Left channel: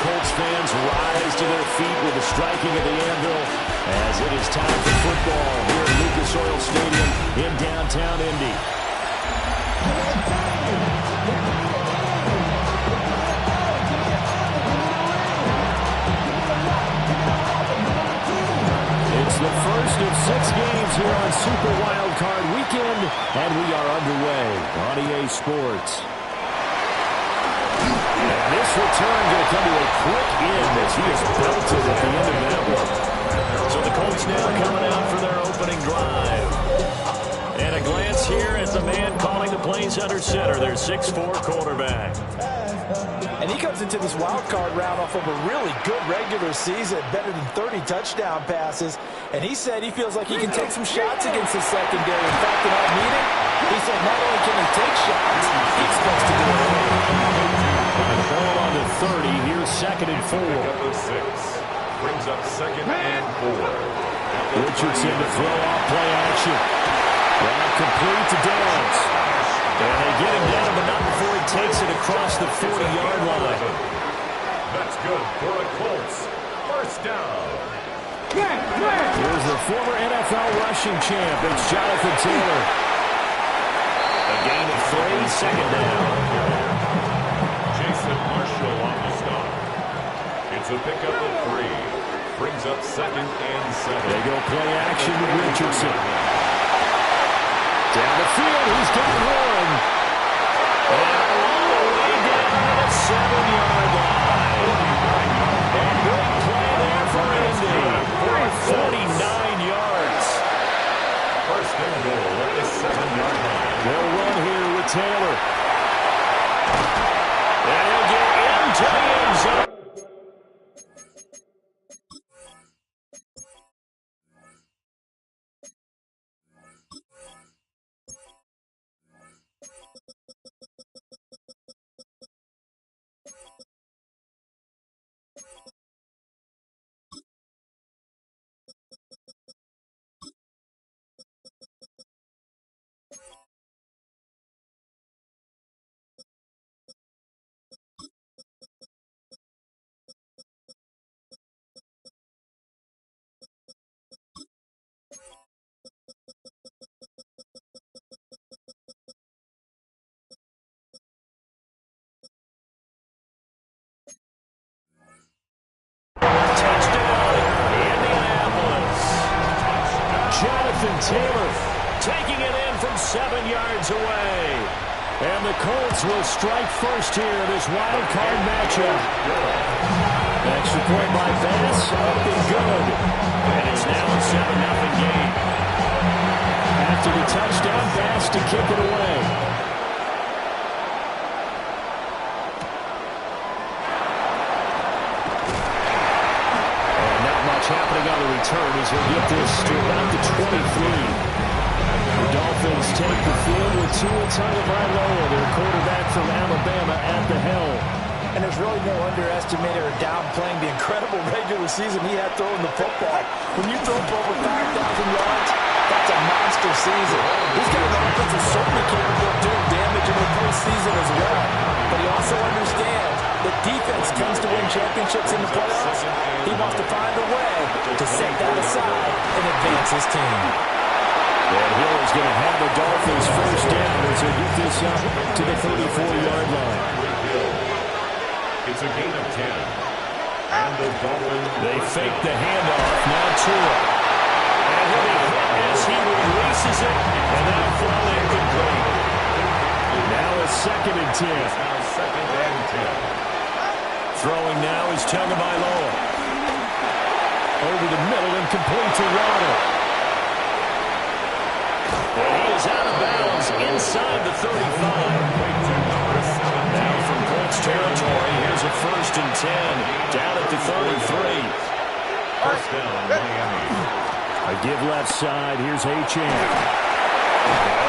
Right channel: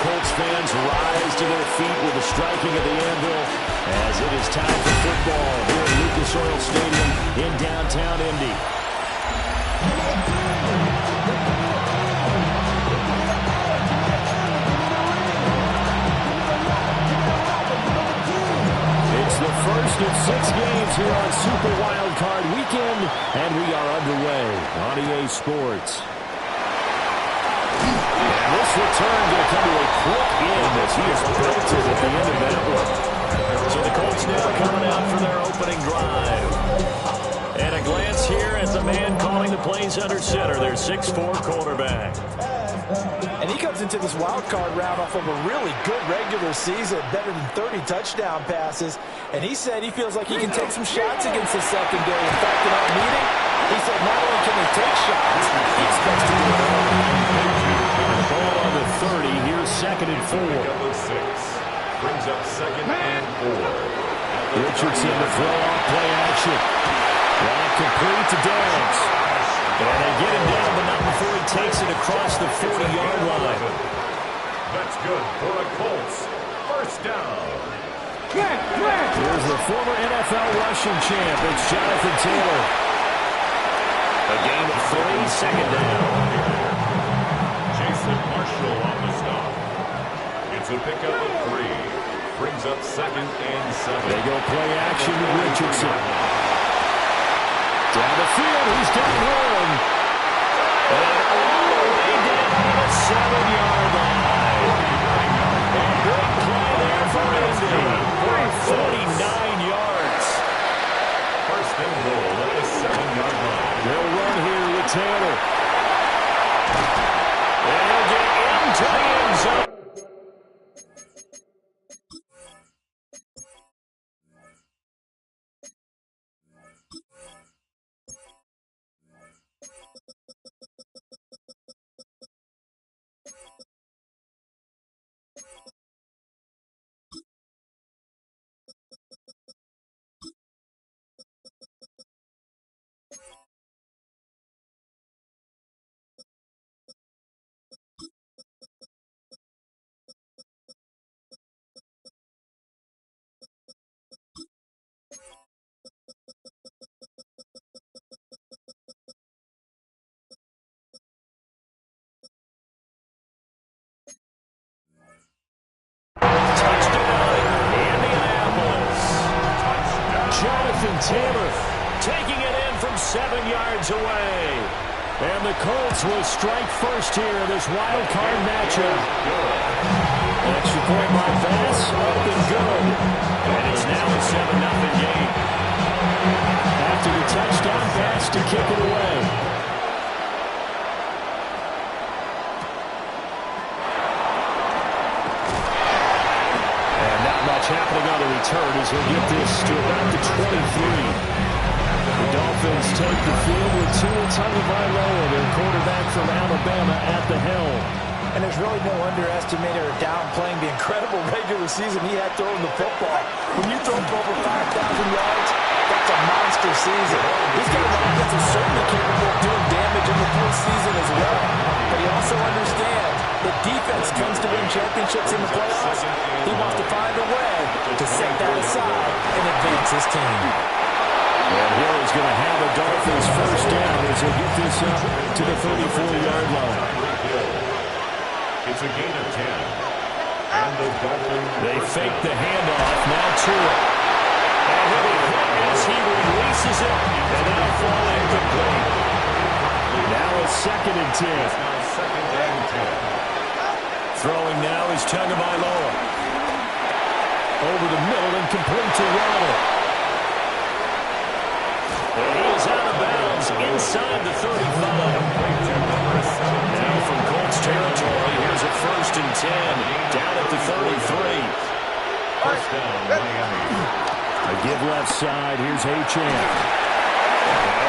Colts fans rise to their feet with the striking of the anvil as it is time for football here at Lucas Oil Stadium in downtown Indy. It's the first of 6 games here on Super Wildcard Weekend, and we are underway on EA Sports. And this return going to come to a quick end as he is belted at the end of that one. So the Colts now coming out for their opening drive. And a glance here at the man calling the plays under center, their 6'4" quarterback. And he comes into this wild card round off of a really good regular season, better than 30 touchdown passes. And he said he feels like he can take some shots against the secondary. In fact, in our meeting, he said not only can he take shots, he expects to do it. The ball on the 30. Here's 2nd and 4. Pickup of 6. Brings up 2nd and 4. Richardson to throw off play action. Route complete to Downs. And they get him down, but not before he takes it across the 40-yard line. That's good for the Colts. First down. Here's the former NFL rushing champ. It's Jonathan Taylor. A gain of 3, 2nd down. Jason Marshall on the stop. It's a pickup of 3. Brings up 2nd and 7. They go play action with Richardson. Down the field, he's got one. And all the way down to the 7-yard line. A big play there for Indy. 49 yards. First and goal at the 7-yard line. They'll run here with Taylor. And he'll get into the end zone. Jonathan Taylor taking it in from 7 yards away. And the Colts will strike first here, this wild card matchup. An extra point by Bass, up and good. And it's now a 7-0 game. After the touchdown, Bass to kick it away. Happening on the return as he'll get this to about the 23. The Dolphins take the field with Tua Tagovailoa, their quarterback from Alabama, at the helm. And there's really no underestimating or downplaying the incredible regular season he had throwing the football. When you throw for over 5,000 yards, that's a monster season. He's got an offense that's certainly capable of doing damage in the postseason as well. But he also understands that defense tends to win championships in the playoffs. He wants to find a way to set that aside and advance his team. And Hill is going to have the Dolphins first down as he'll get this up to the 34-yard line. It's a gain of 10. And the Dolphins... They fake the handoff. Now Tua. And he'll be hit as he releases it. And that'll fall incomplete. Now a 2nd and 10. Now 2nd and 10. Throwing now is Tagovailoa. Over the middle and complete to Waddle. And he is out of bounds inside the 35. Now from Colts territory, here's a 1st and 10. Down at the 33. First down, Miami. A give left side. Here's Achane.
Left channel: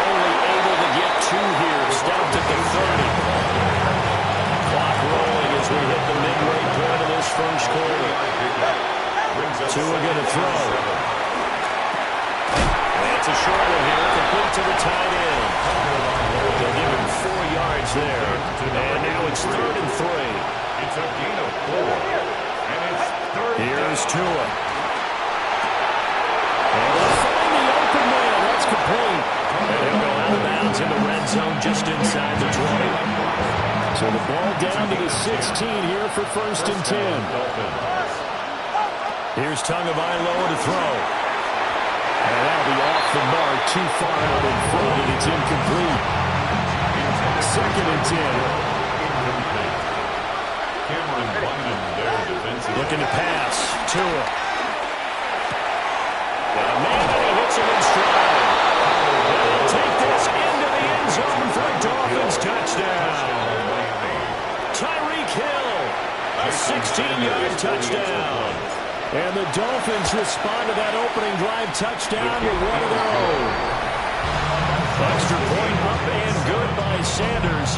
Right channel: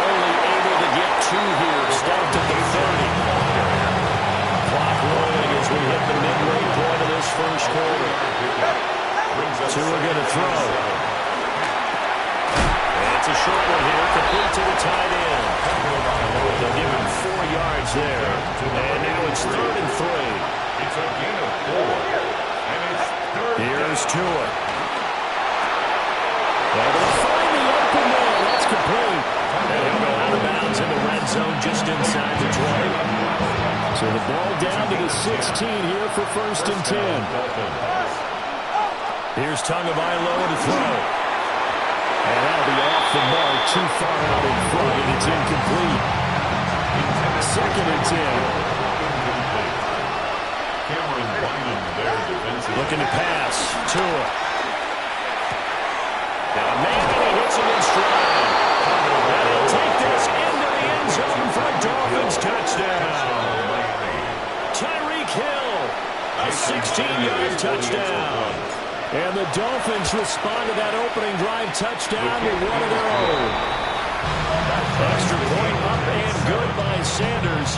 Only able to get 2 here. Stopped at the 30. Clock rolling as we hit the midway point of this first quarter. Tua going to throw. And it's a short one here, complete to the tight end. They'll give him 4 yards there. And now it's 3rd and 3. It's a gain of 4. And it's third down. Here's Tua. Able to find the open man. That's complete. And he'll go out of bounds in the red zone just inside the 20. So the ball down to the 16 here for 1st and 10. Here's Tagovailoa to throw. And that'll be off the mark, too far out in front, and it's incomplete. 2nd and 10. Incomplete. Cameron Bynum there defensively. Looking to pass. Tua. And a man, and he hits him in stride. And he'll take this into the end zone for a Dolphins touchdown. Tyreek Hill, a 16-yard touchdown. And the Dolphins respond to that opening drive touchdown with one of their own. Extra point up and good by Sanders.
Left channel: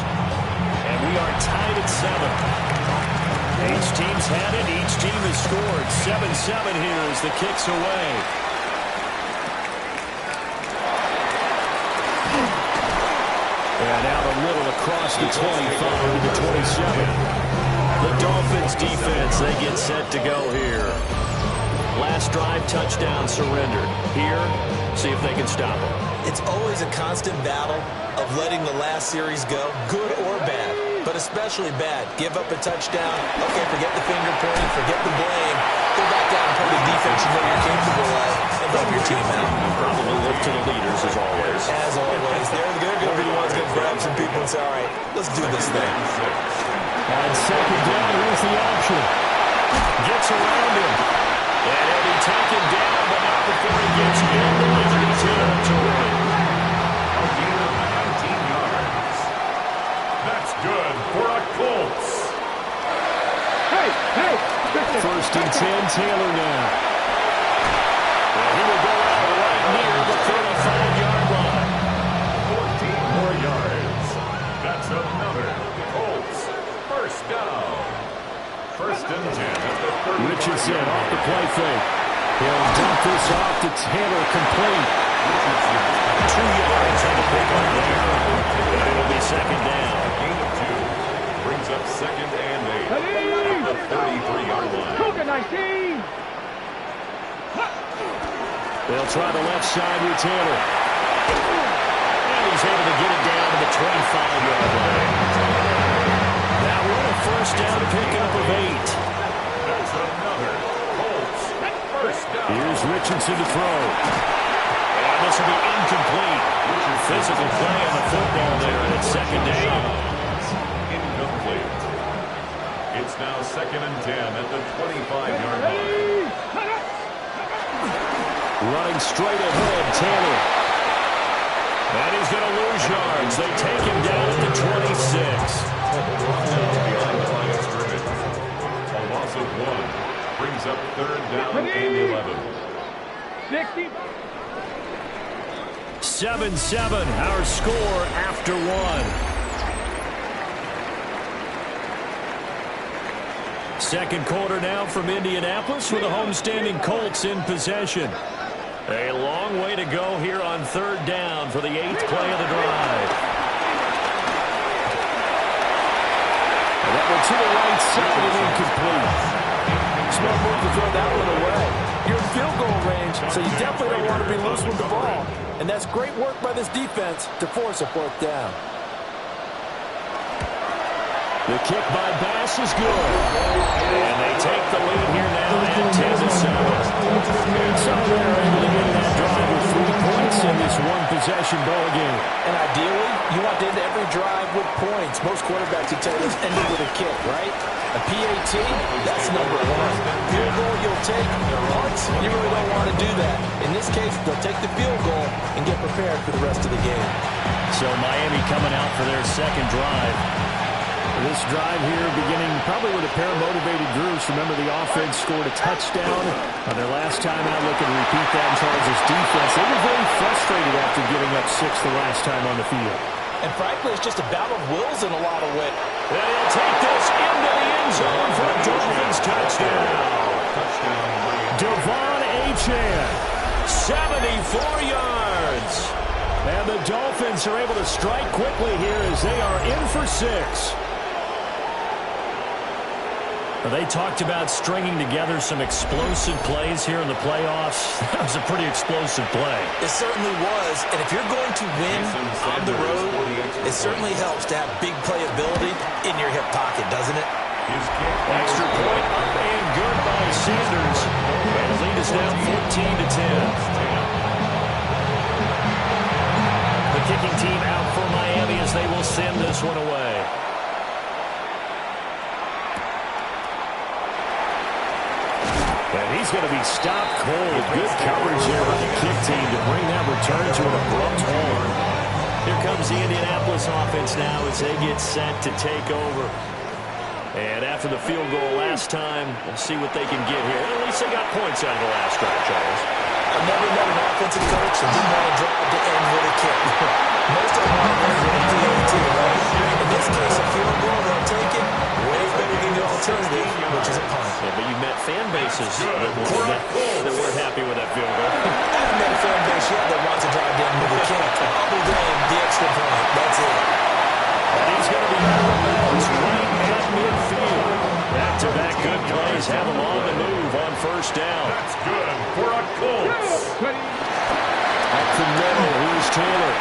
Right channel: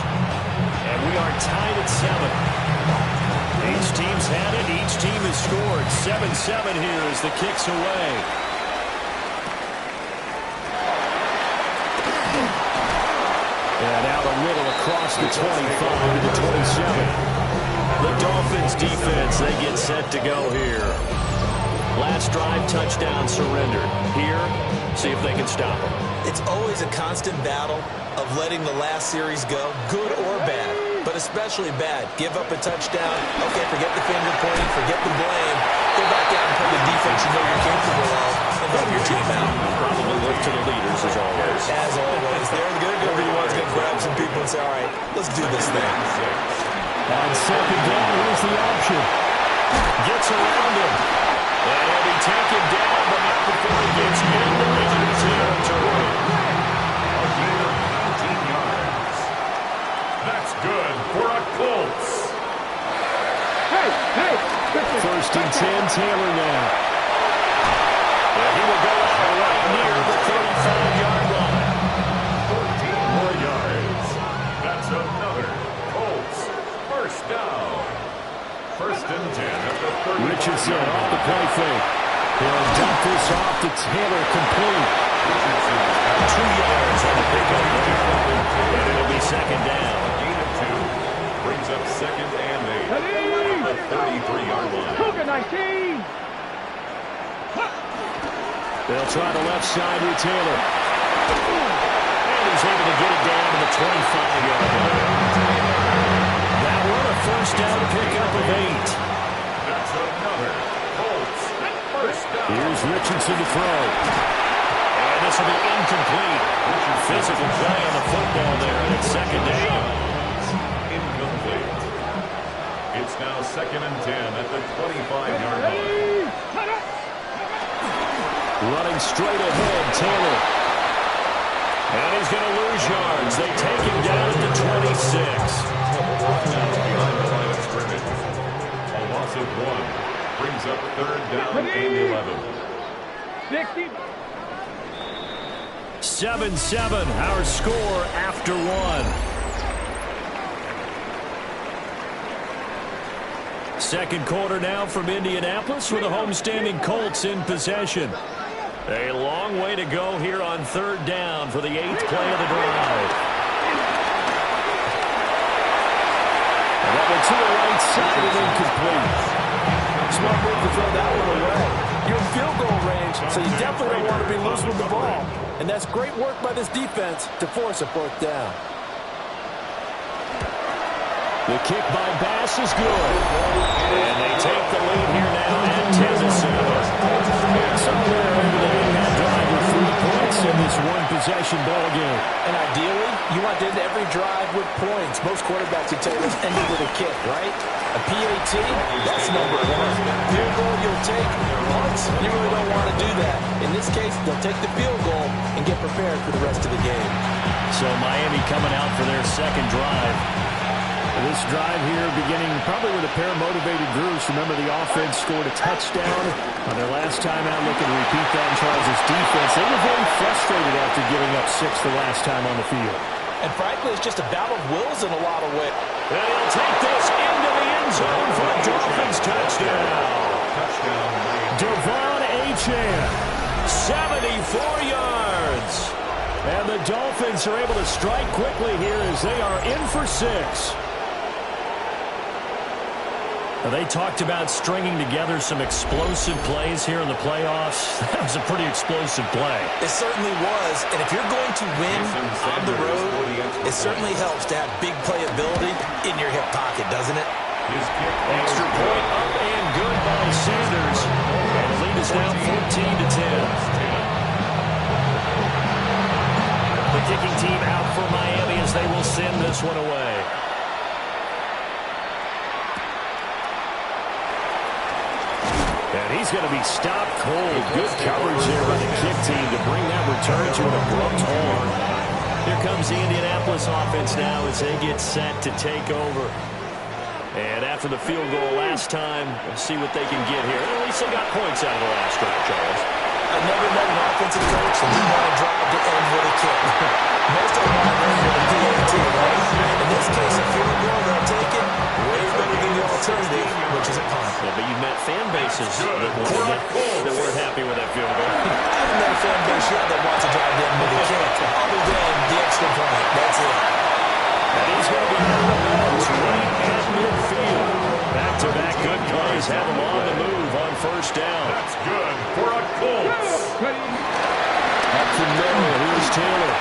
And we are tied at 7. Each team's had it. Each team has scored. 7-7 here as the kick's away. And out a little across the 25 to the 27. The Dolphins defense, they get set to go here. Last drive, touchdown surrendered. Here, see if they can stop them. It's always a constant battle of letting the last series go, good or bad, but especially bad. Give up a touchdown. Okay, forget the finger pointing, forget the blame. Go back out and play the defense you know you're capable of and help your team out. Probably look to the leaders as always. As always. They're going to be the ones going to grab some people and say, all right, let's do this thing. On 2nd down, here's the option. Gets around him. And he'll be taken down, but not before he gets into enemy territory. A gain of 19 yards. That's good for a Colts. Hey! 1st and 10, Taylor now. And he will go out right near the 35-yard line. 14 more yards. That's another Colts 1st down. 1st and 10 at the 35. Richardson off the play fake. He'll dump this off to Taylor, complete. Richardson 2 yards on the pickup there. And it'll be 2nd down. gain of 2. Brings up 2nd and 8 at the 33-yard line. Cougar 19. They'll try the left side with Taylor. And he's able to get it down to the 25-yard line. That one a 1st down pickup of 8. That's another Colts 1st down. Here's Richardson to throw. And this will be incomplete. Physical play on the football there, and it's 2nd down. Incomplete. It's now 2nd and 10 at the 25-yard line. Running straight ahead, Taylor. And he's going to lose yards. They take him down at the 26. Now behind the line of scrimmage. A loss of 1 brings up 3rd down and 11. 60. 7-7, our score after 1. Second quarter now from Indianapolis with the homestanding Colts in possession. A long way to go here on 3rd down for the 8th play of the drive. And that one to the right side and incomplete. Smart move to throw that one away. You're in field goal range, so you definitely don't want to be loose with the ball. And that's great work by this defense to force a 4th down. The kick by Bass is good. And they take the lead here now at 10-7. So they're able to end that drive with 3 points in this one-possession ball game. And ideally, you want to end every drive with points. Most quarterbacks, you tell you, let's end it with a kick, right? A PAT, that's number 1. Field goal you'll take. Punts, you really don't want to do that. In this case, they'll take the field goal and get prepared for the rest of the game. So Miami coming out for their 2nd drive. This drive here beginning probably with a pair of motivated groups. Remember, the offense scored a touchdown on their last time out, looking to repeat that in Charles' defense. They were very frustrated after giving up 6 the last time on the field. And frankly, it's just a battle of wills in a lot of ways. And he'll take this into the end zone for a Dolphins touchdown. Touchdown, Miami. Devon Achane, 74 yards. And the Dolphins are able to strike quickly here as they are in for 6. They talked about stringing together some explosive plays here in the playoffs. That was a pretty explosive play. It certainly was. And if you're going to win on the road, it certainly helps to have big playability in your hip pocket, doesn't it? Extra point up and good by Sanders. And the lead is now 14-10. The kicking team out for Miami as they will send this one away. And he's going to be stopped cold. Good coverage there by the kick team to bring that return to an abrupt halt. Here comes the Indianapolis offense now as they get set to take over. And after the field goal last time, we'll see what they can get here. And at least they got points out of the last drive, Charles. I've never met an offensive coach that didn't want to drive to end with a kick. Most of them want to end with a PAT, right? In this case, a field goal, they'll take it. Way better than the alternative, which is a punt. Yeah, but you met fan bases that weren't happy with that field goal. I haven't met a fan base yet that wants to drive to end with a kick, other than the extra point. That's it. And he's going to be out of bounds right at midfield. Back-to-back good plays have him on the move on first down. That's good for a Colts. Up the middle, here's Taylor.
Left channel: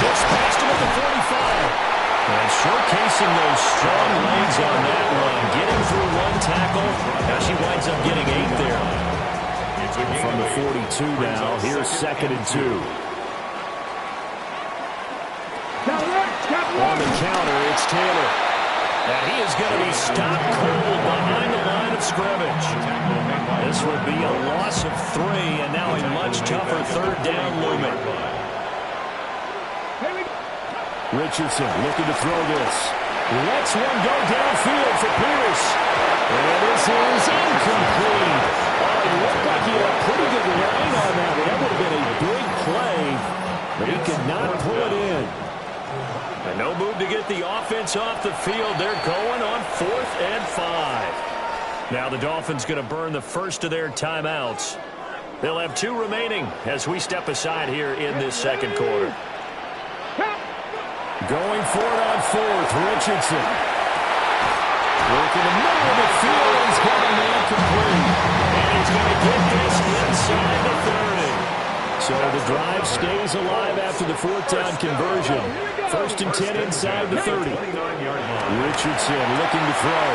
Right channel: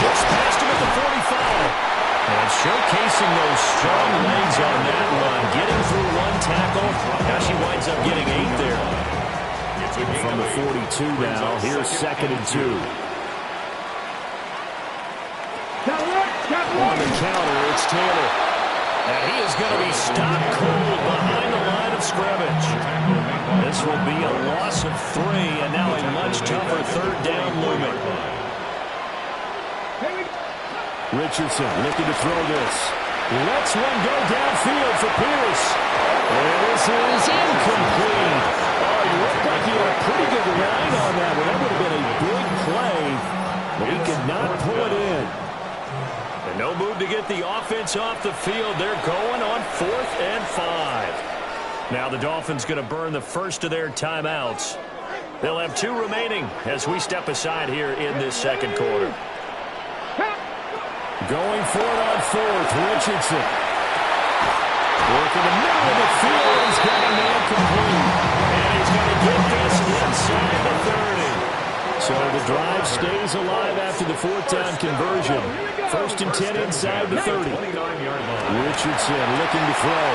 Just past him at the 45. And showcasing those strong legs on that run. Getting through one tackle. Now she winds up getting 8 there. From the 42 now, here's 2nd and 2. On the counter, it's Taylor. And he is going to be stopped cold behind the line of scrimmage. This will be a loss of 3, and now a much tougher 3rd down looming. Richardson looking to throw this. Lets one go downfield for Pierce. And this is incomplete. Oh, he looked like he had a pretty good line on that one. That would have been a big play, but he could not pull it in. And no move to get the offense off the field. They're going on 4th and 5. Now the Dolphins going to burn the first of their timeouts. They'll have 2 remaining as we step aside here in this second quarter. Going for it on 4th, Richardson. Working the middle of the field. He's got a man complete. And he's going to get this inside the 30. So the drive stays alive after the 4th down conversion. 1st and 10 inside the 30. Richardson looking to throw.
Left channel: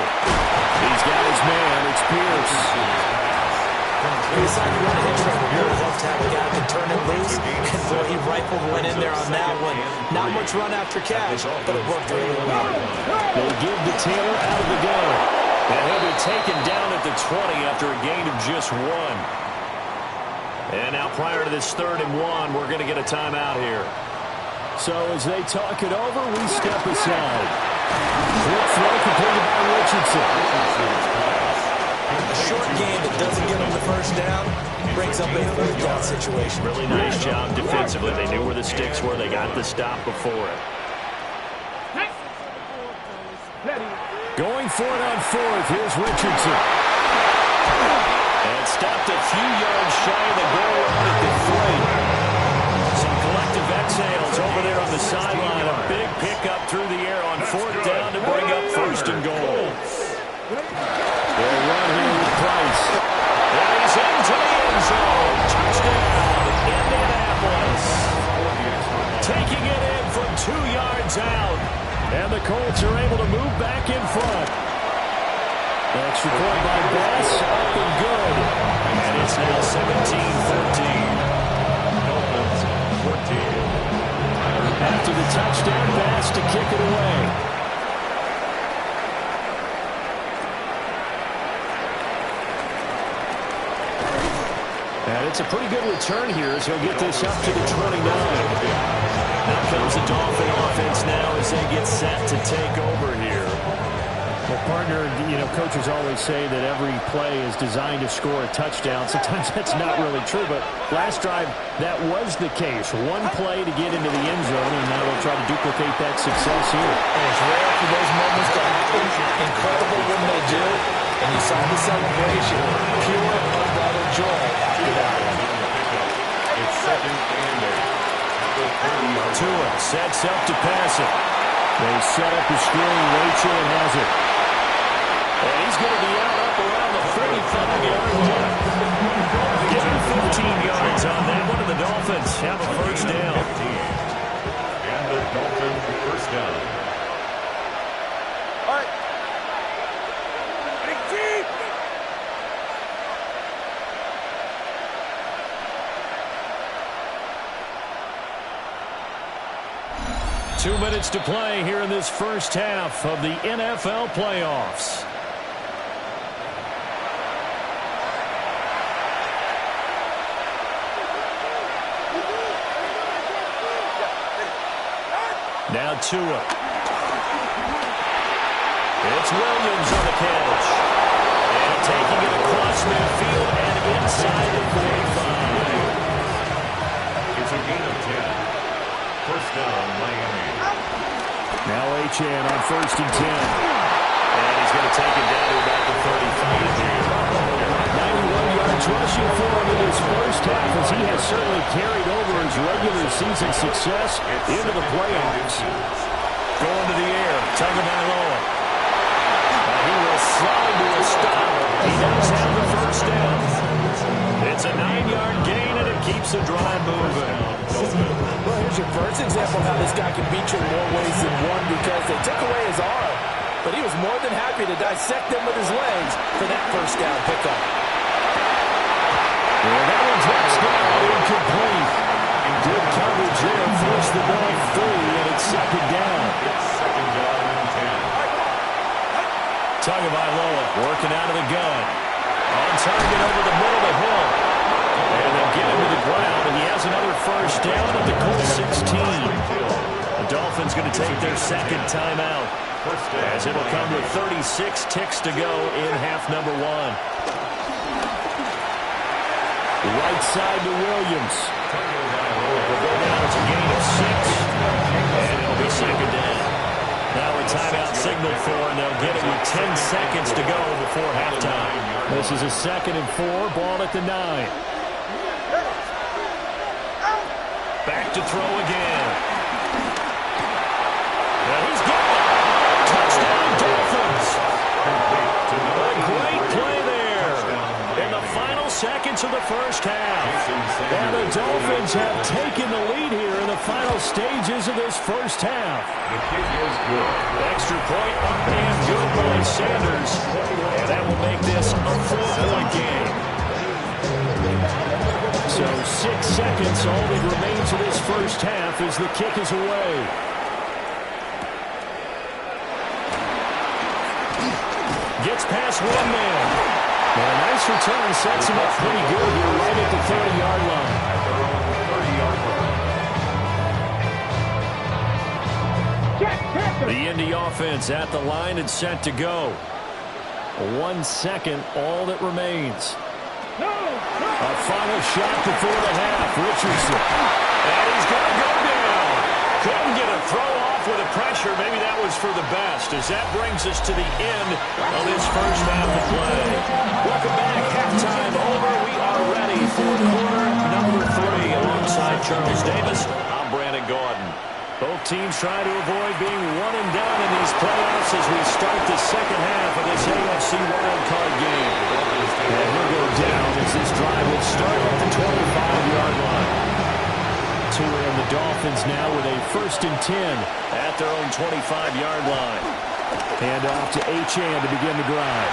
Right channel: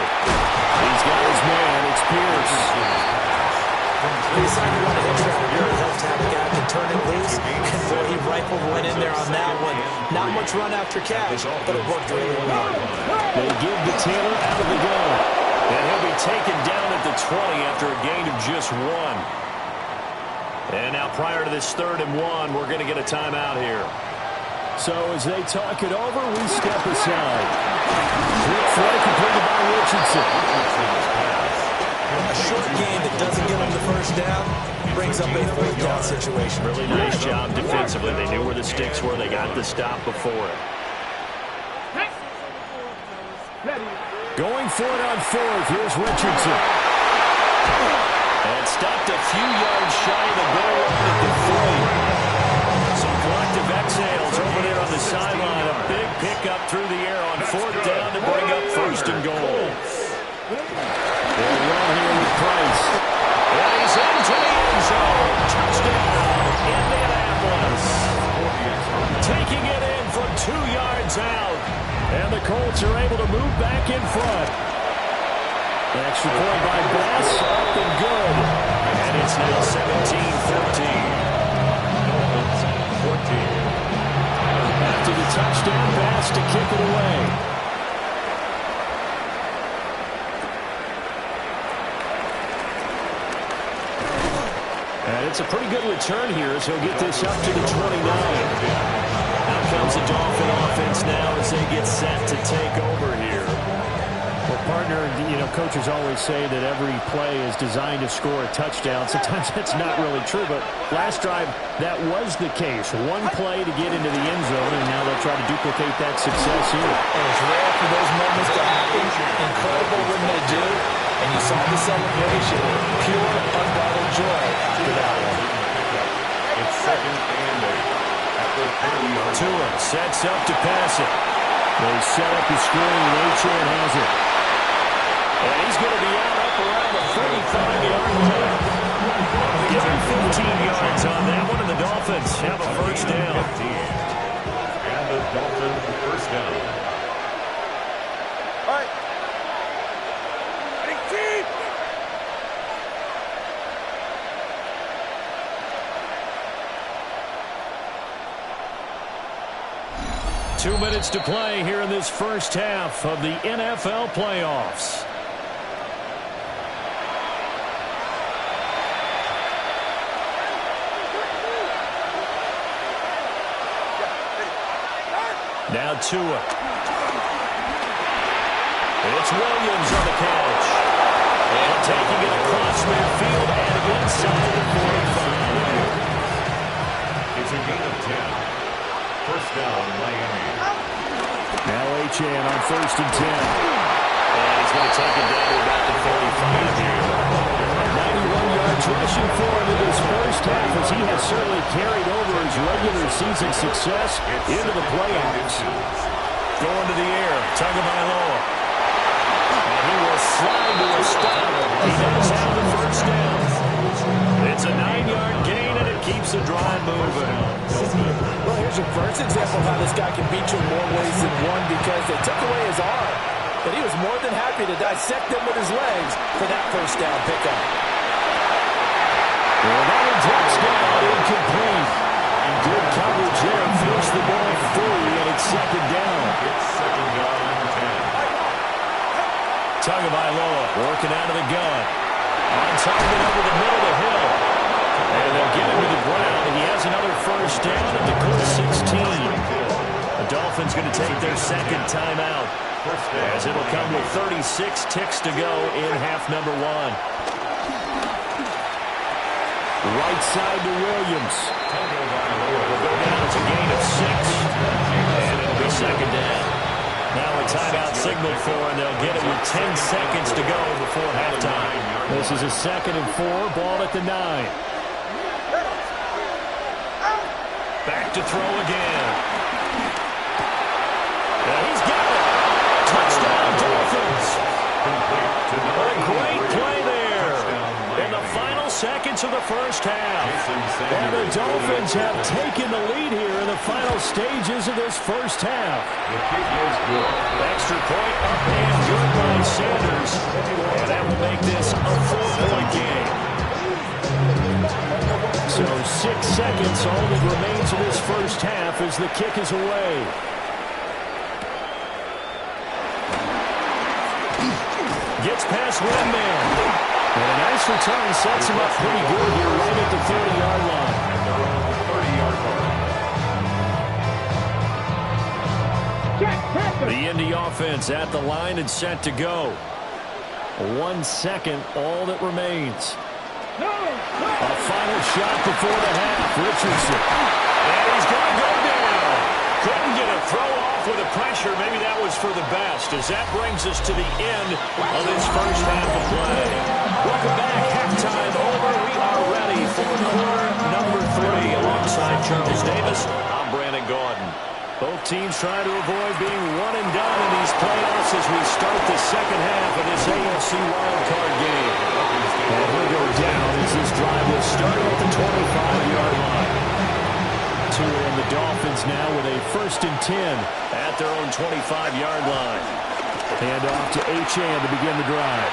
He's got his man. It's Pierce. It's like you want to hit trap. It really helps to have a guy who can turn it loose. And boy, he rifled one in there on that one. Not much run after catch, but it worked really well. They give to Taylor out of the gun. And he'll be taken down at the 20 after a gain of just 1. And now prior to this 3rd and 1, we're going to get a timeout here. So as they talk it over, we step aside. Quick throw completed by Richardson. A short game that doesn't give them the first down brings up a 4th down situation. Really nice job defensively. They knew where the sticks were. They got the stop before it. Going for it on 4th. Here's Richardson. And stopped a few yards shy of the goal line at the 3. Some collective exhales over there on the sideline. A big pickup through the air on 4th down to bring up 1st and goal. They'll run here with Price. And he's into the end zone. Touchdown, Indianapolis. Taking it in from 2 yards out. And the Colts are able to move back in front. Extra point by Bass, up and good. And it's now 17-14. After the touchdown, Bass to kick it away. And it's a pretty good return here as he'll get this up to the 29. Out comes the Dolphin offense now as they get set to take over here. Well, partner, coaches always say that every play is designed to score a touchdown. Sometimes that's not really true, but last drive, that was the case. One play to get into the end zone, and now they'll try to duplicate that success here. And it's rare for those moments to happen. Incredible when they do. And you saw the celebration. Pure, unbridled joy after that one. It's 2nd and 8 at the 30-yard line. Tua sets up to pass it. They set up the screen. Achane has it. And he's going to be out up around the 45-yard line. Give him 15 yards on that one, and the Dolphins have a first down. 15. And the Dolphins first down. All right. 2 minutes to play here in this first half of the NFL playoffs. Now Tua. It's Williams on the catch. And taking it across midfield and inside the 45. It's a gain of 10. First down, Miami. Now Achane on 1st and 10. And he's going to take it down to about the 35 here. 91 yards rushing for him in his first half, as he has certainly carried over his regular season success into the playoffs. Going to the air, Tagovailoa. And he will slide to a stop. He does have the first down. It's a 9-yard gain, and it keeps the drive moving. Well, here's your first example of how this guy can beat you in more ways than one, because they took away his arm, but he was more than happy to dissect them with his legs for that first down pickup. Well, that one drops down, incomplete. Good coverage there, forced the ball free, and it's second down. It's second down and 10. Tagovailoa working out of the gun. On target over the middle of the hill. And they'll get him to the ground, and he has another first down at the Colts 16. The Dolphins going to take their second timeout, as it'll come with 36 ticks to go in half number one. Right side to Williams. Will go down as a gain of 6, and it'll be second down. Now a timeout signal for, and they'll get it with 10 seconds to go before halftime. This is a 2nd and 4, ball at the 9. Back to throw again. And he's got it. Touchdown, Dolphins. A great play there in the final seconds of the first half. And the Dolphins have taken the lead here in the final stages of this first half. The kick is good. Extra point up and good by Sanders. And that will make this a 4-point game. So 6 seconds, all that remains of this first half as the kick is away. Gets past one man. And a nice return sets him up pretty good here right at the 30-yard line. At their own 30-yard line. The Indy offense at the line and set to go. 1 second, all that remains. A final shot before the half. Richardson. And he's going to go down. Couldn't get a throw off with the pressure. Maybe that was for the best, as that brings us to the end of this first half of play. Welcome back. Halftime over. We are ready for quarter number 3. Alongside Charles Davis, I'm Brandon Gaudin. Both teams trying to avoid being one and done in these playoffs as we start the second half of this AFC wildcard game. And he'll go down as this drive will start at the 25-yard line. Tua and the Dolphins now with a 1st and 10 at their own 25-yard line. Hand off to Achane to begin the drive.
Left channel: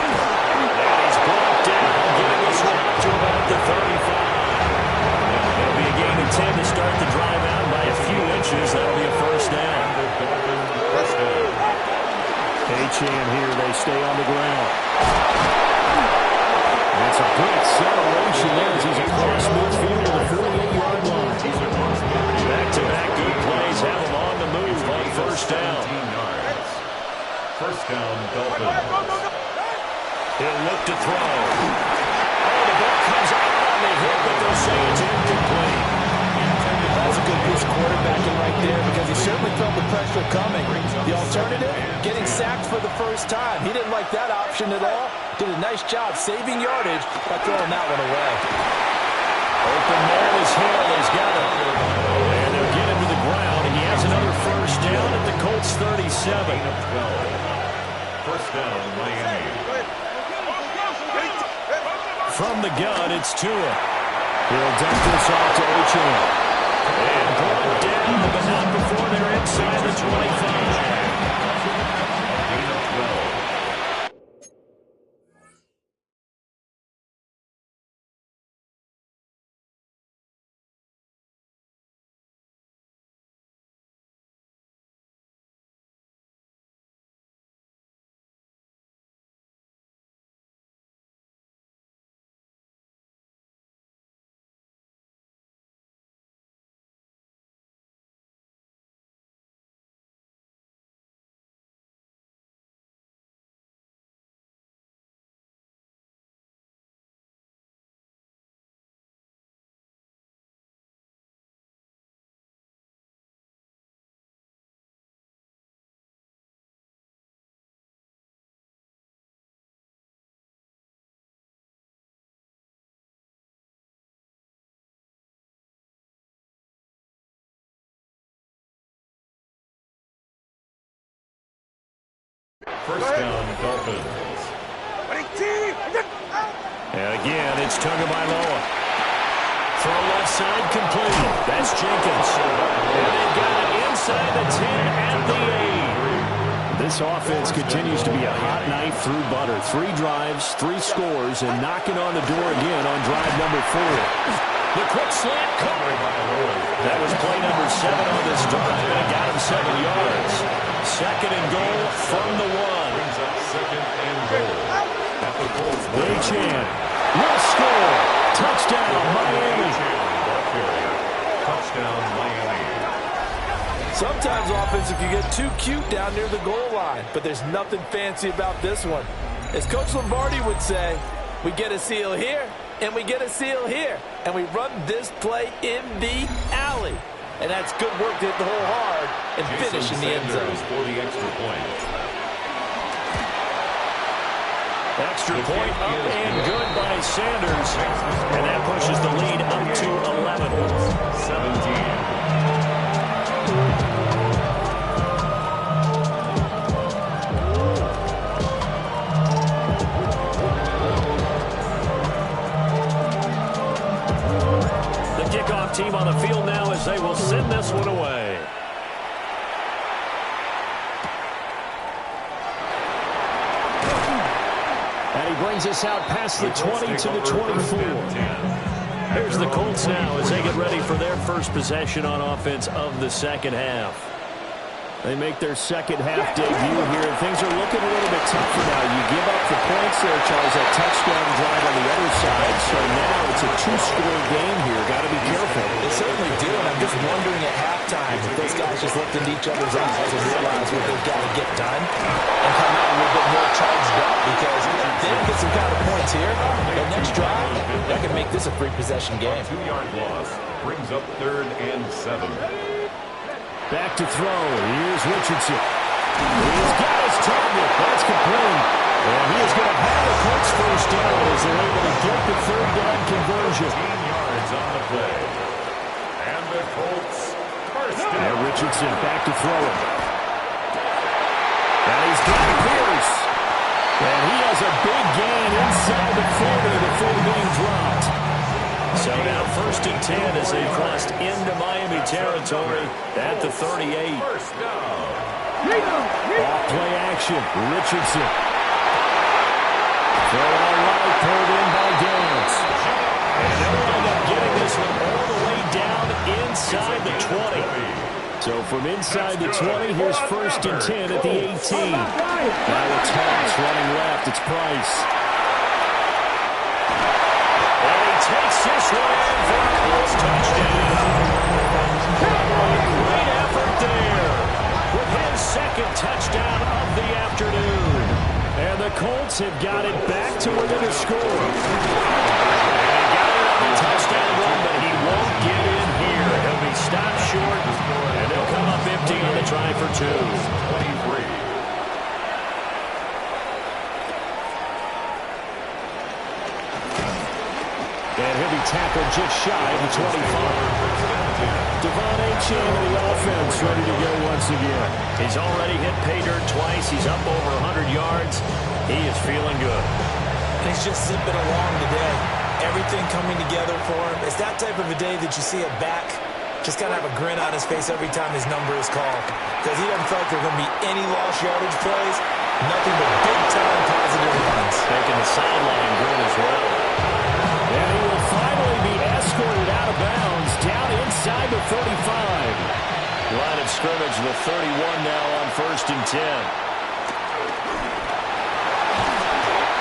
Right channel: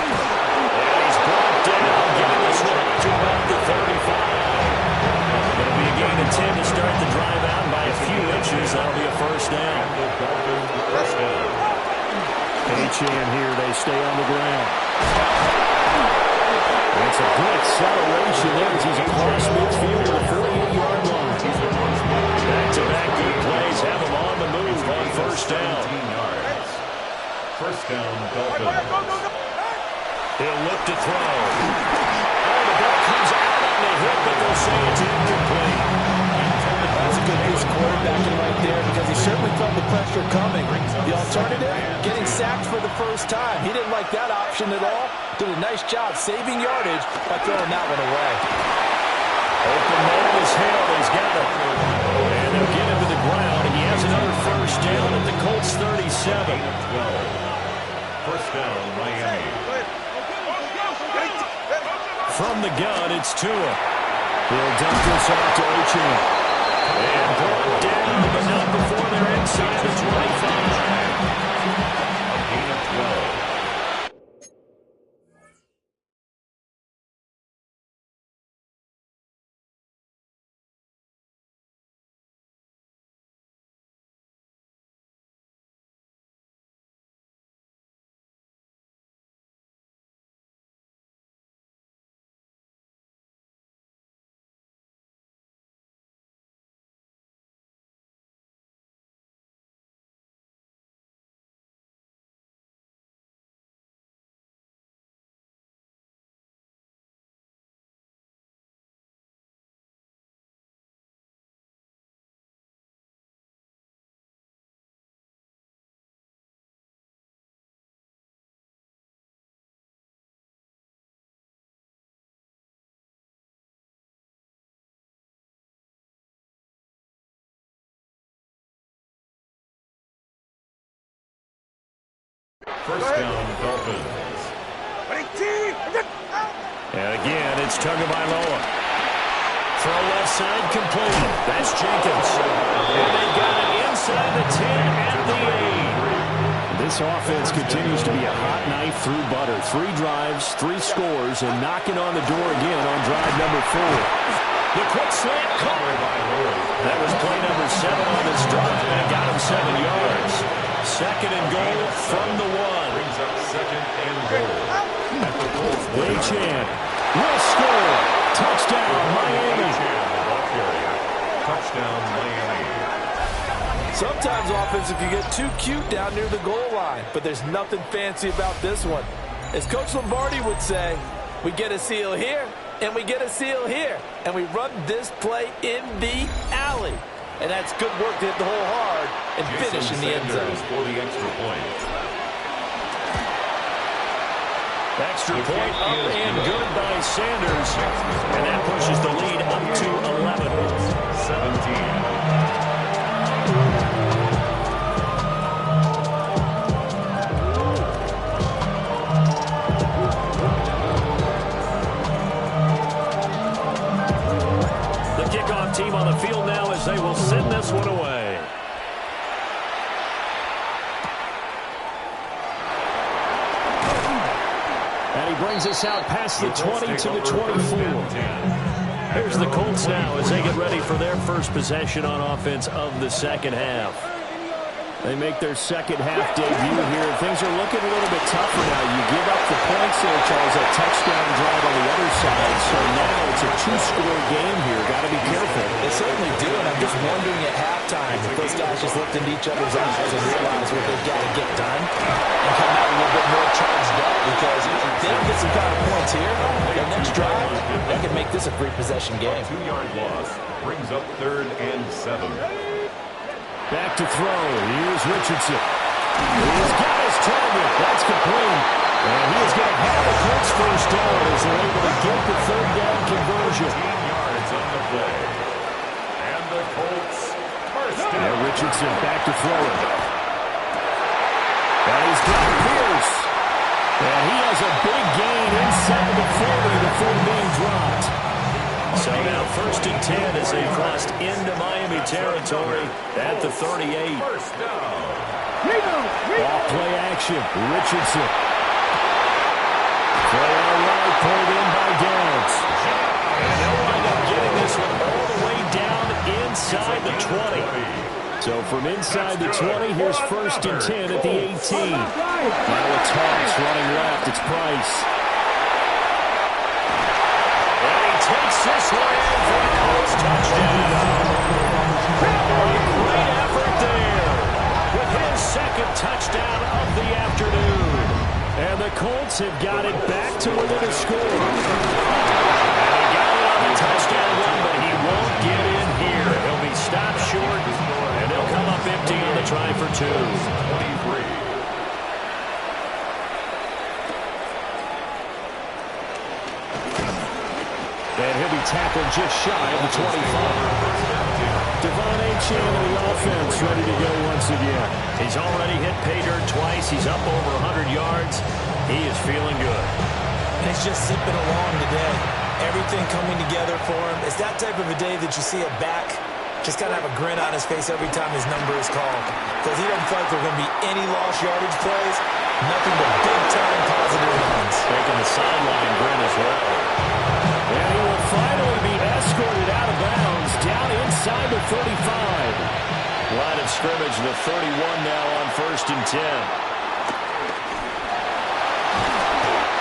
And he's brought down, getting this one up to about the 35. It'll be a gain of 10 to start the drive out by a few inches. That'll be a first down. Achane here, they stay on the ground. That's a good acceleration there as he's across midfield to the 48-yard line. Back-to-back good plays have him on the move on first down. First down, Dolphins. He'll look to throw. Oh, the ball comes out on the hit, but they'll say it's incomplete. That's a good piece of quarterbacking right there, because he certainly felt the pressure coming. The alternative, getting sacked for the first time. He didn't like that option at all. Did a nice job saving yardage by throwing that one away. Open man is Hill. He's got it. And they'll get him to the ground. He has another first down at the Colts 37. First down, Miami. From the gun, it's Tua. He'll dump this off to Achane. And brought down, but not before they're inside the 25. A gain of 12. First down, Dolphins. And again, it's Tagovailoa. Throw left side complete. That's Jenkins. And they got it inside the 10 at the 8. This offense continues to be a hot knife through butter. 3 drives, 3 scores, and knocking on the door again on drive number 4. The quick slant caught. That was play number 7 on this drive, and it got him 7 yards. Second and goal from the 1. Brings up second and goal. At the Colts. Achane will score. Touchdown, Miami. Ball carrier. Touchdown, Miami. Sometimes offenses can get too cute down near the goal line, but there's nothing fancy about this one. As Coach Lombardi would say, we get a seal here, and we get a seal here, and we run this play in the alley. And that's good work to hit the hole hard and finish in the end zone. For the extra point. Extra point up and good by Sanders. And that pushes the lead up to 11. 17. Kickoff team on the field now as they will send this one away. And he brings us out past the 20 to the 24. Here's the Colts now as they get ready for their first possession on offense of the second half. They make their second half debut here, and things are looking a little bit tougher now. You give up the points there, Charles, that touchdown drive on the other side. So now it's a 2-score game here. Got to be careful. They certainly do, and I'm just wondering at halftime if those guys just looked into each other's eyes and realize what they've got to get done and come out a little bit more charged up, because if they don't get some kind of points here, their next drive, that can make this a 3-possession game. A 2-yard loss brings up 3rd and 7. Back to throw. Here's Richardson. He's got his target. That's complete. And he is going to have the Colts first down as they're able to get the 3rd down conversion. 15 yards on the play. And the Colts first down. And Richardson back to throw it. And he's got Pierce. And he has a big gain inside the 40 before being dropped. So now 1st and 10 as they crossed into Miami territory at the 38. First down. Off play action. Richardson. Throw out right, pulled in by Dance. And they'll wind up getting this one all the way down inside the 20. So from inside the 20, here's 1st and 10 at the 18. Now it's Hawks running left. It's Price. Takes this one in for a Colts touchdown. A great effort there with his 2nd touchdown of the afternoon. And the Colts have got it back to within a score. And he got it on the touchdown run, but he won't get in here. He'll be stopped short, and they'll come up empty on the try for 2. 23. And he'll be tackled just shy of the 25. Devon Achane and the offense ready to go once again. He's already hit pay dirt twice. He's up over 100 yards. He is feeling good. He's just zipping along today. Everything coming together for him. It's that type of a day that you see a back just got to have a grin on his face every time his number is called. Because he doesn't feel like there are going to be any lost yardage plays. Nothing but big-time positive runs. Making the sideline grin as well. And he will finally be escorted out of bounds down inside the 35. Line of scrimmage, the 31 now on 1st and 10.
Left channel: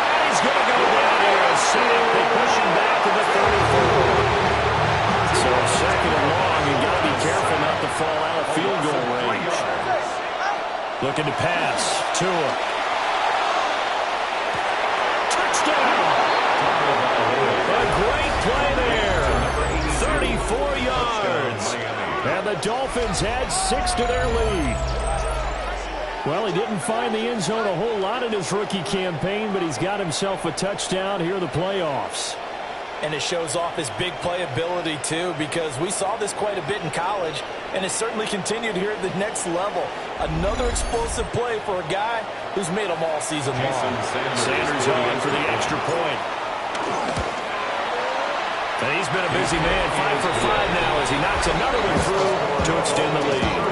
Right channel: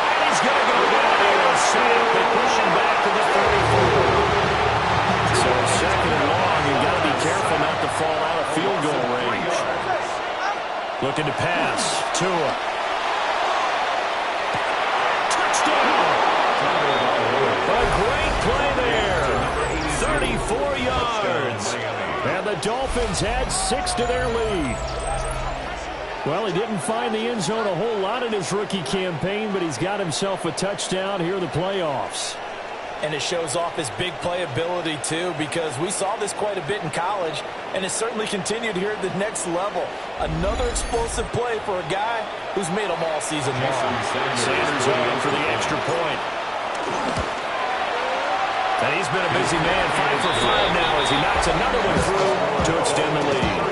And he's going to go down here. A sack. They push him back to the 34. So 2nd and long, you got to be careful not to fall out of field goal range. Looking to pass. Tua. Touchdown. A great play there. 34 yards. And the Dolphins add 6 to their lead. Well, he didn't find the end zone a whole lot in his rookie campaign, but he's got himself a touchdown here in the playoffs. And it shows off his big playability, too, because we saw this quite a bit in college, and it certainly continued here at the next level. Another explosive play for a guy who's made them all season long. Sanders on for the extra point. And he's been a busy man, 5 for 5 now as he knocks another one through to extend the lead.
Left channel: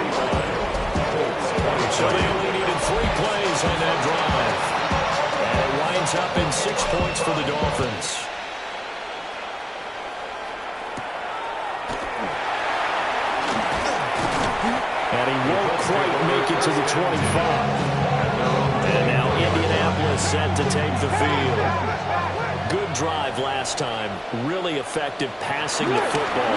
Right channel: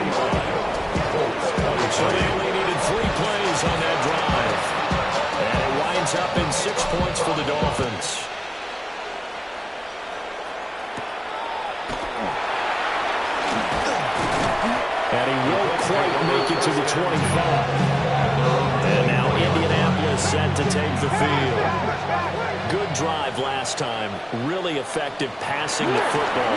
So they only needed 3 plays on that drive. And it winds up in 6 points for the Dolphins. And he won't quite make it to the 25. And now Indianapolis set to take the field. Good drive last time. Really effective passing the football.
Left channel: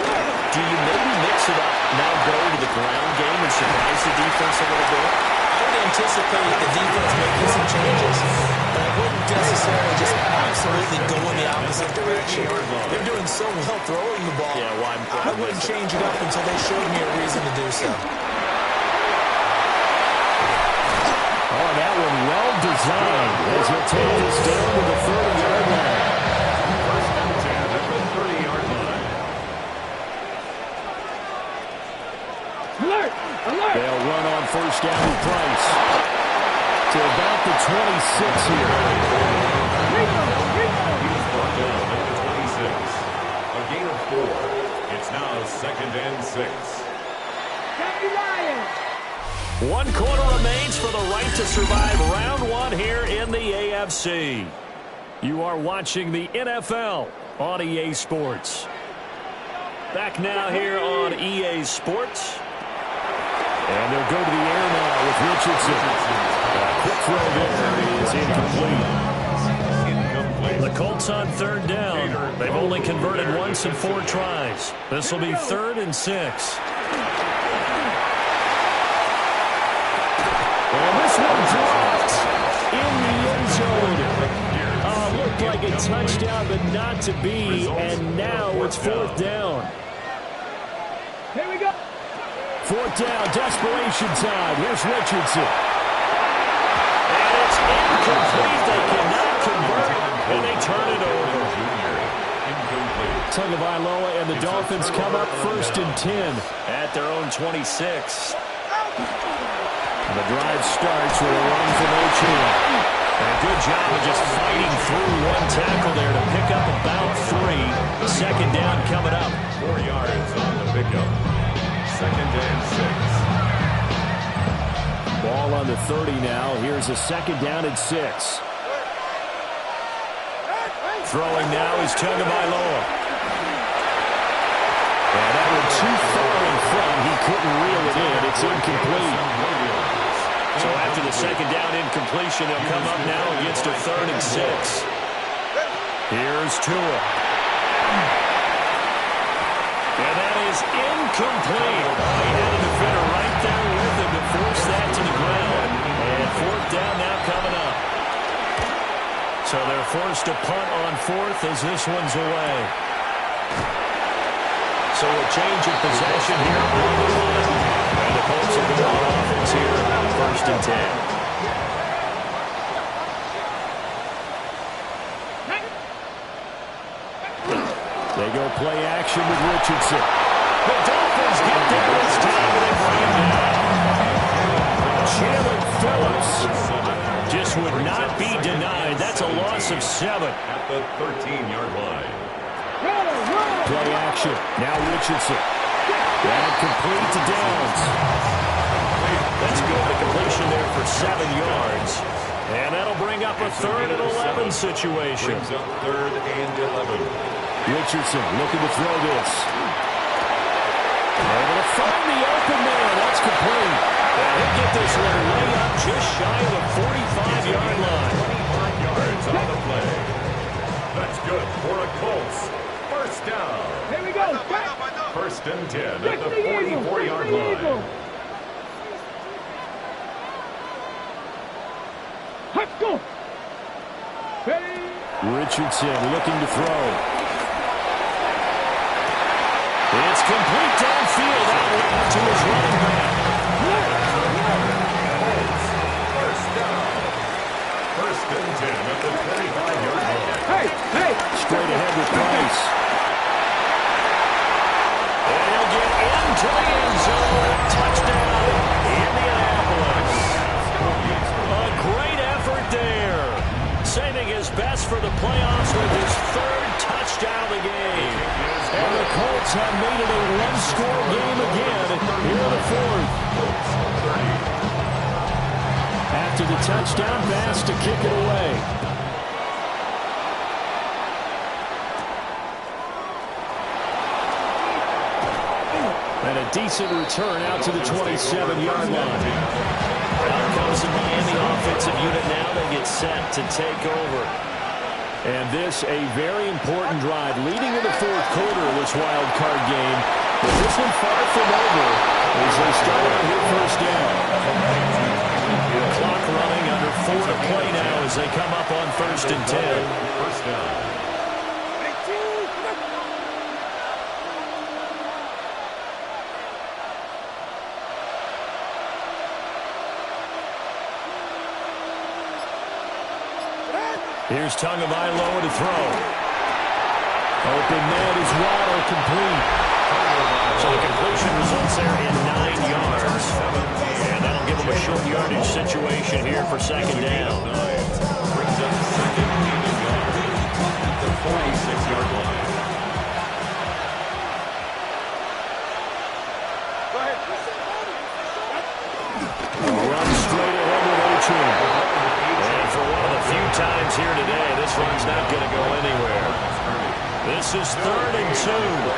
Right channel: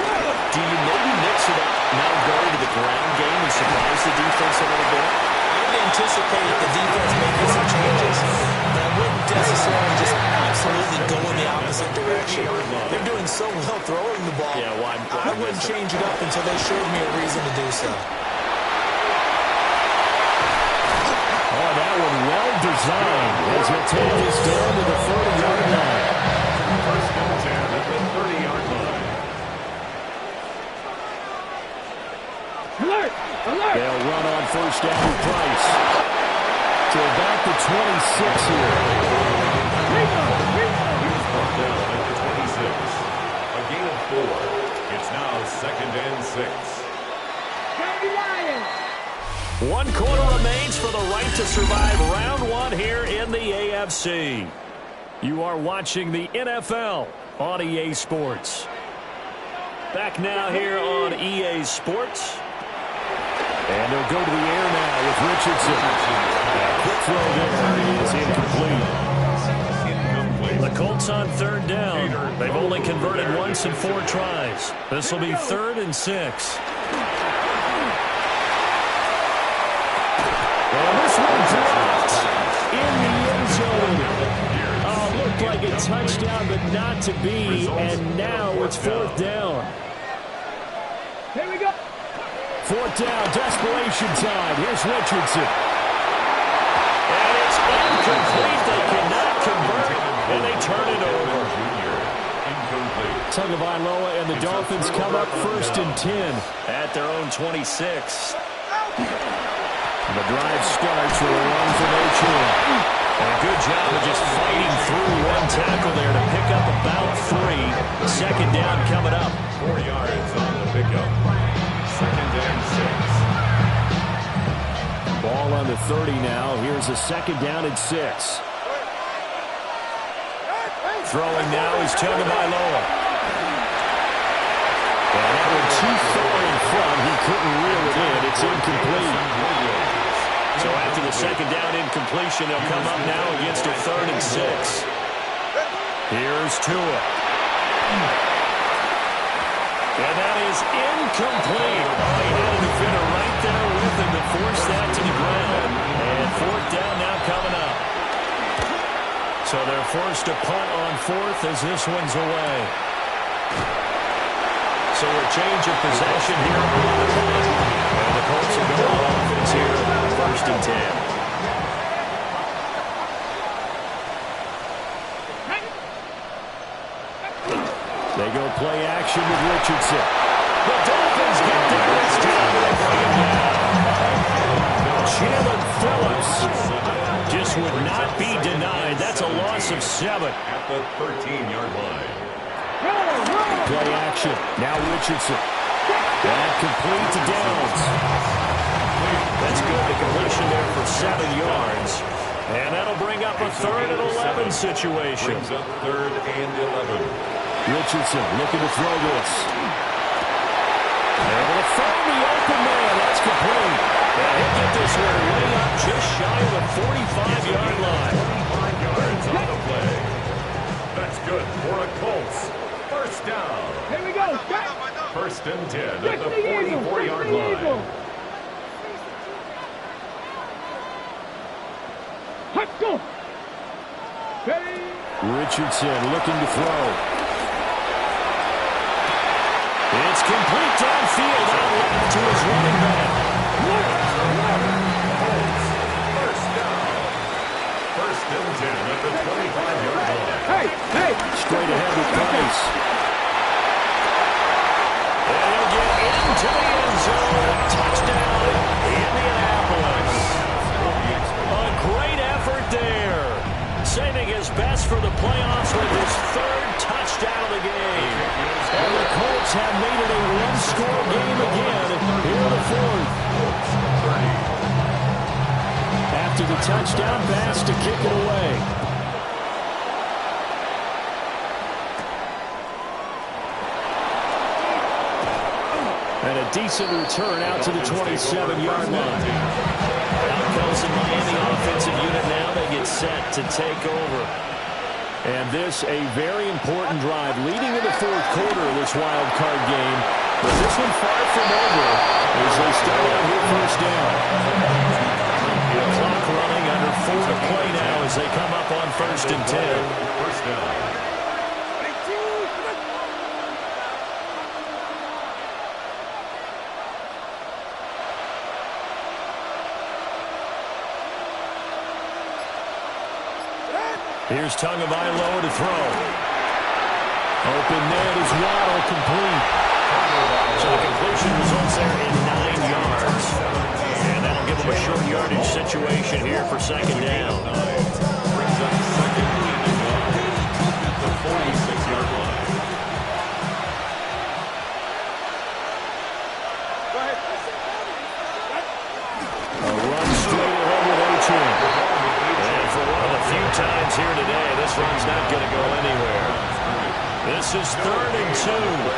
Do you maybe mix it up, now go to the ground game and surprise the defense a little bit? I would anticipate the defense making some changes, but I wouldn't necessarily just absolutely go in the opposite direction. They're doing so well throwing the ball. Yeah, well, I wouldn't change it up until they showed me a reason to do so. Oh, that one well designed as he'll take this down to the 30-yard line. 1st and 10 at the 30-yard line. Alert! Alert! They'll run on 1st down with Price to about the 26 here. He was brought down at the 26. A gain of 4. It's now 2nd and 6. County Lions! 1 quarter remains for the right to survive round 1 here in the AFC. You are watching the NFL on EA Sports. Back now here on EA Sports. And they'll go to the air now with Richardson. A quick throw there is incomplete. The Colts on 3rd down. They've only converted once in 4 tries. This will be 3rd and 6. And this one dropped in the end zone. Looked like a touchdown, but not to be. And now it's 4th down. Here we go. 4th down, desperation time. Here's Richardson. And it's incomplete. They cannot convert, and they turn it over. Tagovailoa and the Dolphins come up 1st and 10 at their own 26. The drive starts with a run from Achane. And a good job of just fighting through 1 tackle there to pick up about 3. 2nd down coming up. 4 yards on the pickup. 2nd and 6. Ball on the 30 now. Here's a 2nd down and 6. Throwing now is Tagovailoa. And that one too far in front. He couldn't reel it in. It's incomplete. So after the 2nd down incompletion, they'll come up now against a 3rd and 6. Here's Tua. And that is incomplete. Oh, he had a defender right there with him to force that to the ground. And 4th down now coming up. So they're forced to punt on 4th as this one's away. So a change of possession here on the punt. And the Colts will go on offense here, 1st and 10. They go play action with Richardson. The Dolphins get there this time, and they bring him down. Jalen Phillips just would not be denied. That's a loss of 7. At the 13-yard line. Play action. Now Richardson. That complete to Downs. That's good. The completion there for 7 yards. And that'll bring up a 3rd and 11 situation. Brings up 3rd and 11. Richardson looking to throw this. Able to find the open man. That's complete. And he'll get this one way up just shy of the 45-yard line. 25 yards on the play. That's good for a Colts. First down. Here we go. First and 10 at the 44-yard line. Go. Richardson looking to throw. It's complete downfield out left to his running back. First down. First and 10 at the 25-yard line. Hey. Straight ahead with Price. And he'll get into the end zone. Touchdown, Indianapolis. A great effort there. Saving his best for the playoffs with his 3rd touchdown of the game. And the Colts have made it a one-score game again here in the 4th. After the touchdown, Bass to kick it away. And a decent return out to the 27-yard line. Out comes the Miami offensive unit now. They get set to take over. And this a very important drive leading in the 4th quarter of this wild card game. But this one far from over as they start out here first down. Clock running under 4 to play now as they come up on 1st and 10. First down. Here's Tagovailoa to throw. Open net is Waddle complete. So the completion results there in 9 yards. And that'll give them a short yardage situation here for 2nd down. Brings up 2nd and yard at the 46-yard line. A run straight ahead with Achane. And for one of the few times here today, this run's not going to go anywhere. This is 3rd and 2.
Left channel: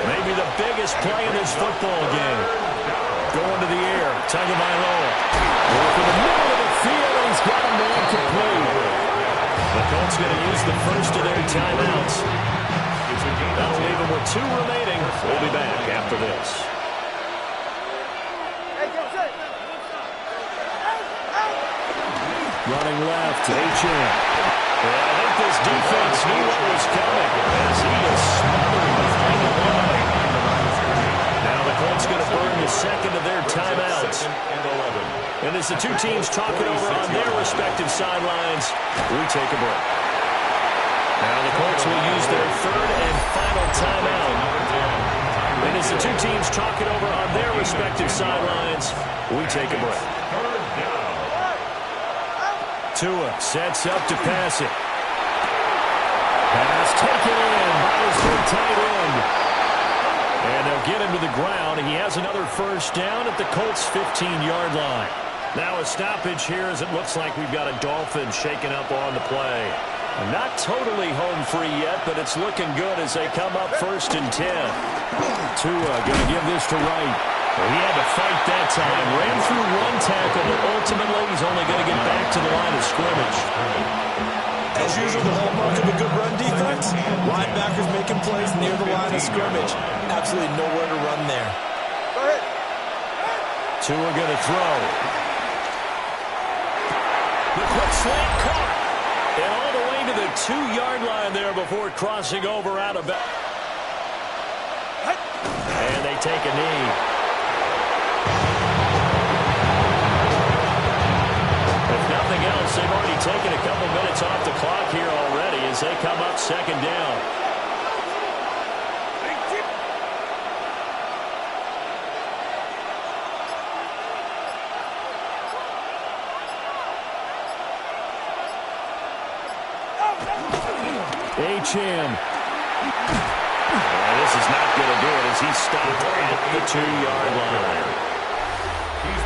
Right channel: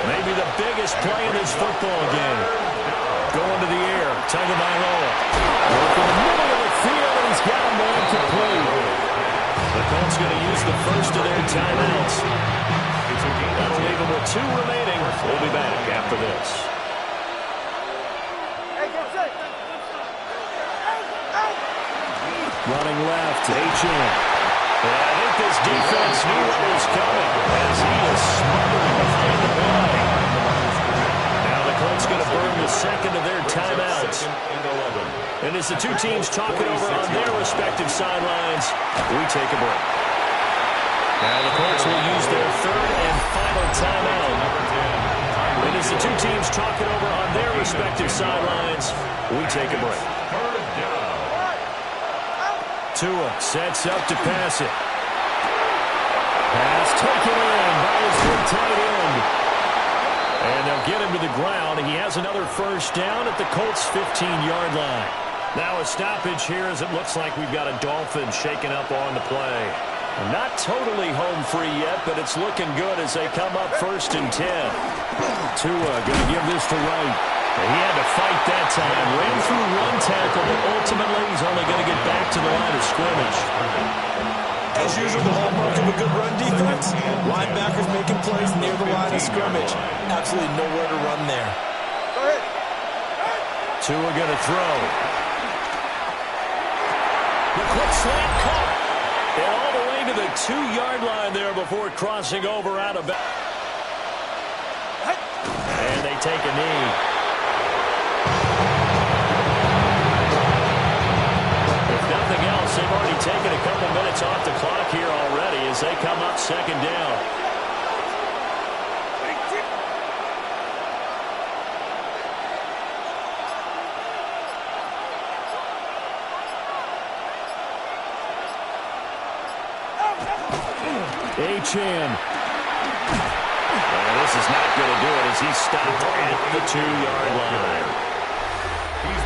Maybe the biggest play in this football game. Going to the air. Tagovailoa. Work in the middle of the field, and he's got a man complete. The Colts going to use the first of their timeouts. That'll leave them with 2 remaining. We'll be back after this. Running left, Achane. I think this defense knew what was coming as he is smothering behind the line. Now the Colts going to burn the 2nd of their timeouts. And as the 2 teams talk it over on their respective sidelines, we take a break. Now the Colts will use their 3rd and final timeout. And as the 2 teams talk it over on their respective sidelines, we take a break. Tua sets up to pass it. Pass taken in by his good tight end. And they'll get him to the ground. He has another first down at the Colts' 15-yard line. Now a stoppage here as it looks like we've got a Dolphin shaking up on the play. Not totally home free yet, but it's looking good as they come up 1st and 10. Tua going to give this to Wright. He had to fight that time. Ran through 1 tackle, but ultimately he's only going to get back to the line of scrimmage. As usual, the hallmark of a good run defense, linebackers making plays near the line of scrimmage. Absolutely nowhere to run there. Tua going to throw. The quick slant caught. And all the way to the 2-yard line there before crossing over out of bounds. And they take a knee. If nothing else, they've already taken a couple minutes off the clock here already as they come up 2nd down. Achane. And this is not going to do it as he's stopped at the 2-yard line.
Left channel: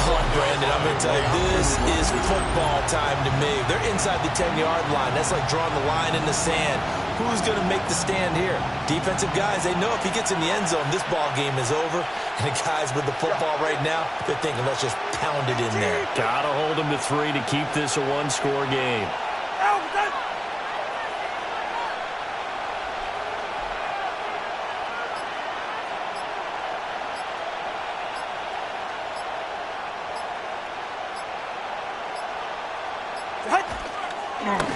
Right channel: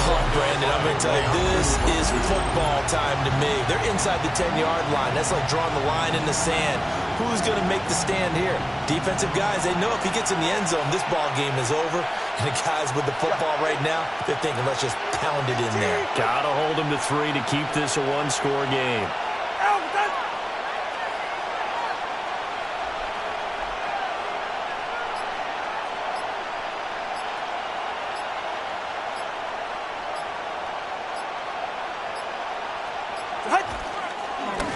Oh, Brandon, I'm going to tell you, this is football time to me. They're inside the 10-yard line. That's like drawing the line in the sand. Who's going to make the stand here? Defensive guys, they know if he gets in the end zone, this ball game is over. And the guys with the football right now, they're thinking, let's just pound it in there. Got to hold him to 3 to keep this a one-score game.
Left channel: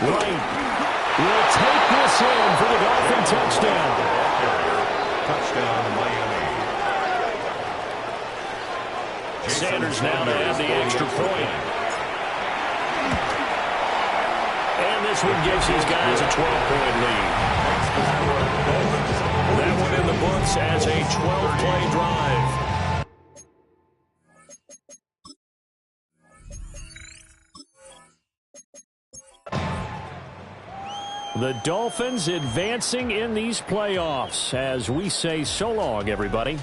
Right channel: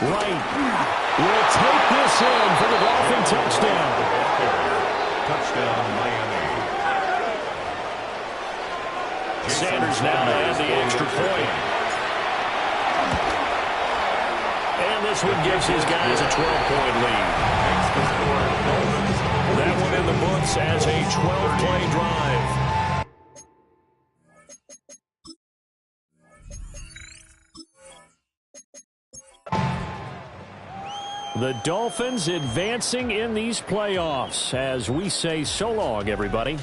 Wright will take this in for the Dolphin touchdown. Touchdown, Miami. Sanders now to add the extra point. And this one gives his guys a 12-point lead. That one in the books as a 12-play drive. The Dolphins advancing in these playoffs as we say so long, everybody.